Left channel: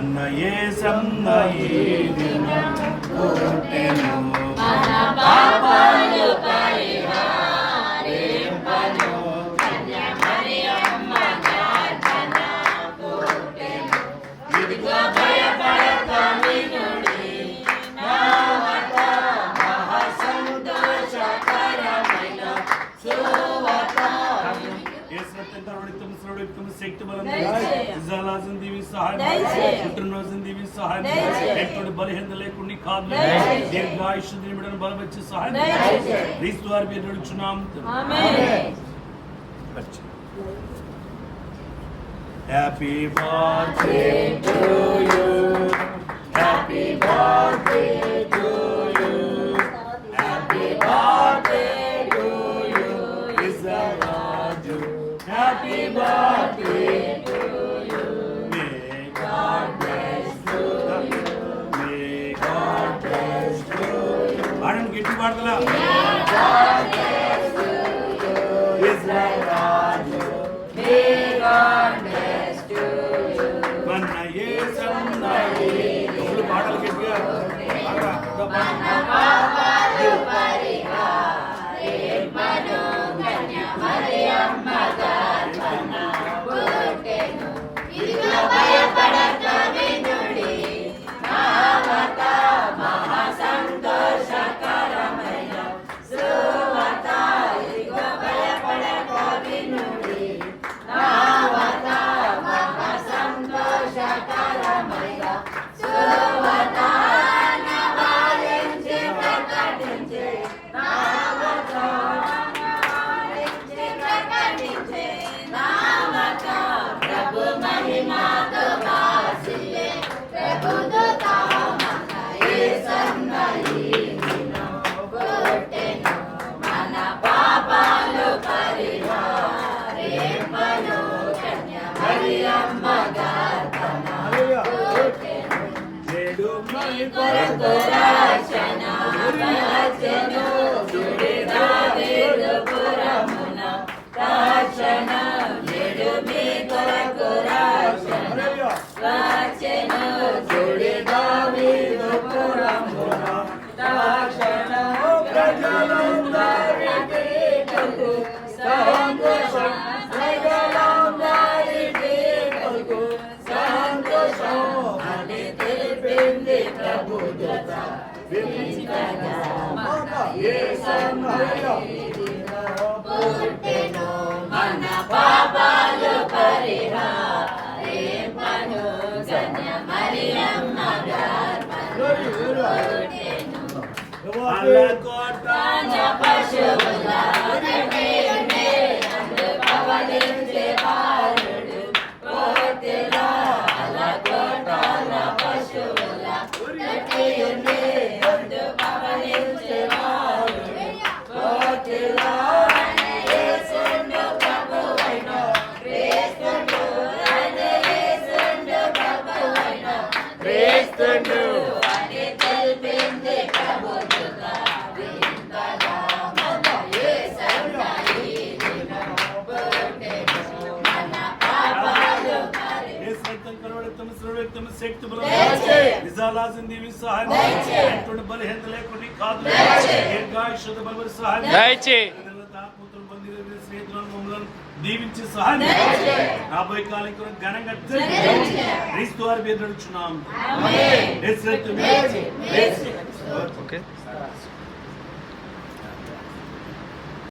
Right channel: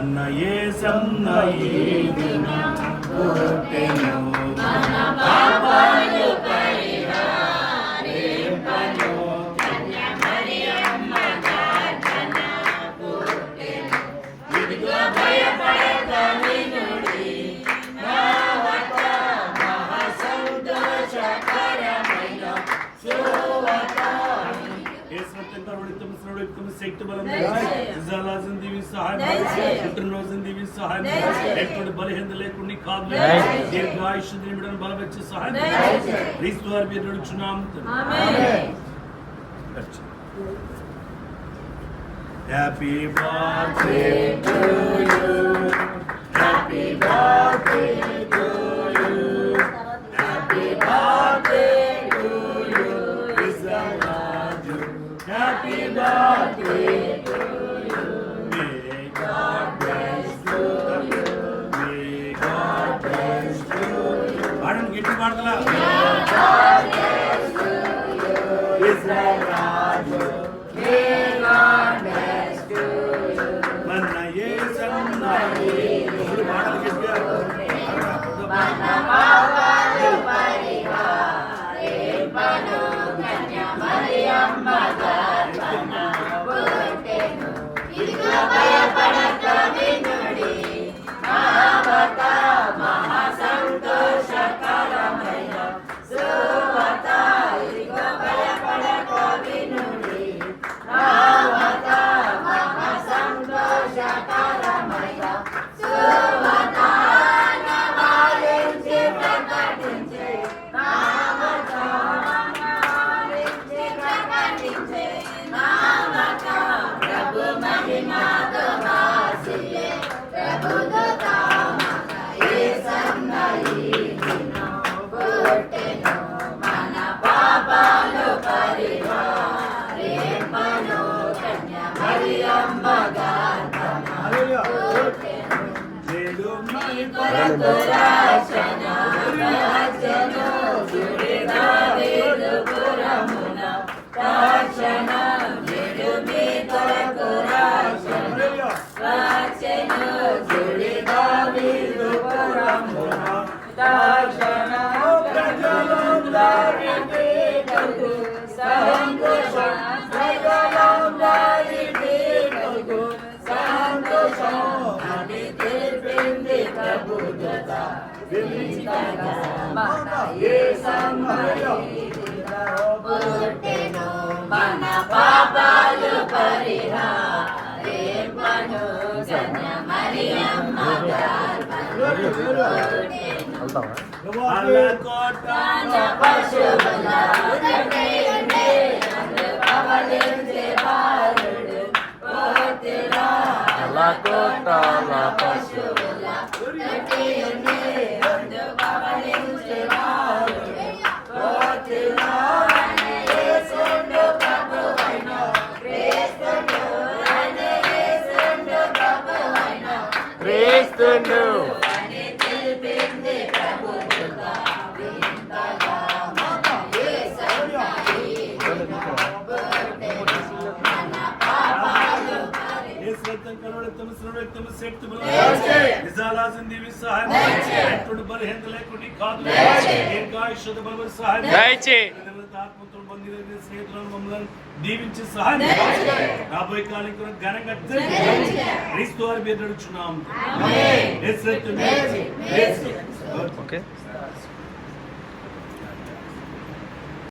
అన్న యేసన్న ఈ దినం పుట్టెను మన పాపాలు పరిహారింపను కన్య మరియమ్మ గర్భన పుట్టెను ఇదిగో భయపడక వినుడి నావత మహా సంతోషకరమైన సువార్త శక్తి బలం దీవి సహాయం పుట్టినరోజును దీవి సహాయం ఎటువంటి బలహీనత లేకుండా కాదు దీర్ఘాయుష్ నిమిడను బలవచ్చి సహాయం క్రీస్తు వారి పేరు నడుచున్నాం. Happy birthday to you happy birthday to you happy birthday to you Israju happy birthday to you may God bless you may God bless you ఆడన్ గిట్టి పాడతలా may God bless you Israju may God bless you మన యేసన్న ఈ పాటలు గట్టిగా మన పాపాలు పరిహారింపను కన్య మరియమ్మ గర్భన పుట్టెను ఇదిగో భయపడక వినుడి నావత మహా సంతోషకరమైన సువార్త ఇదిగో భయపడక వినుడి నావత మహా సంతోషకరమైన సువార్త నవాలించి ప్రకటించే నావత ప్రభు మహిమాతో వాసిల్లే ప్రభు దూతమన్న యేసన్న ఈ దినం పుట్టెను మన పాపాలు పరిహారింపను కన్య మరియమ్మ గర్భన పుట్టెను నేడు మీ కొరకు రక్షణ వచ్చెను స్తుతి దావీదు పురమున రక్షణ నేడు మీ కొరకు రక్షణ వచ్చెను స్తుతి దావీదు పురమున రక్షణ ప్రజలందరికీ సంతోషం ప్రజలందరికీ సంతోషం అని తెలిపింది ప్రభు దూత వినిపించగా మన యేసన్న పుట్టెను మన పాపాలు పరిహారింపను కన్య మరియమ్మ గర్భన పుట్టెను అలకోటాన పశువుల ఒకటియుండే నందు పవళించే బాలుడు పోతెలా అలకోటాల పశువుల ఒకటియుండే నందు పవళించే బాలుడు పోతెలా యేసుండు ప్రభువైన క్రీస్తును యేసుండు ప్రభువైన క్రీస్తును అని తెలిపింది ప్రభు దూత వింతగా మన యేసన్న ఈ దినం పుట్టెను మన పాపాలు శక్తి బలం దీవి సహాయం ఎటువంటి బలహీనత లేకుండా కాదు దీర్ఘాయుష్ బలవరి సహాయం స్నేహితులను మమ్మల్ని దీవించి సహాయం రాబోయే కాలం ఘనంగా క్రీస్తు వారి పేరు నడుచున్నాం.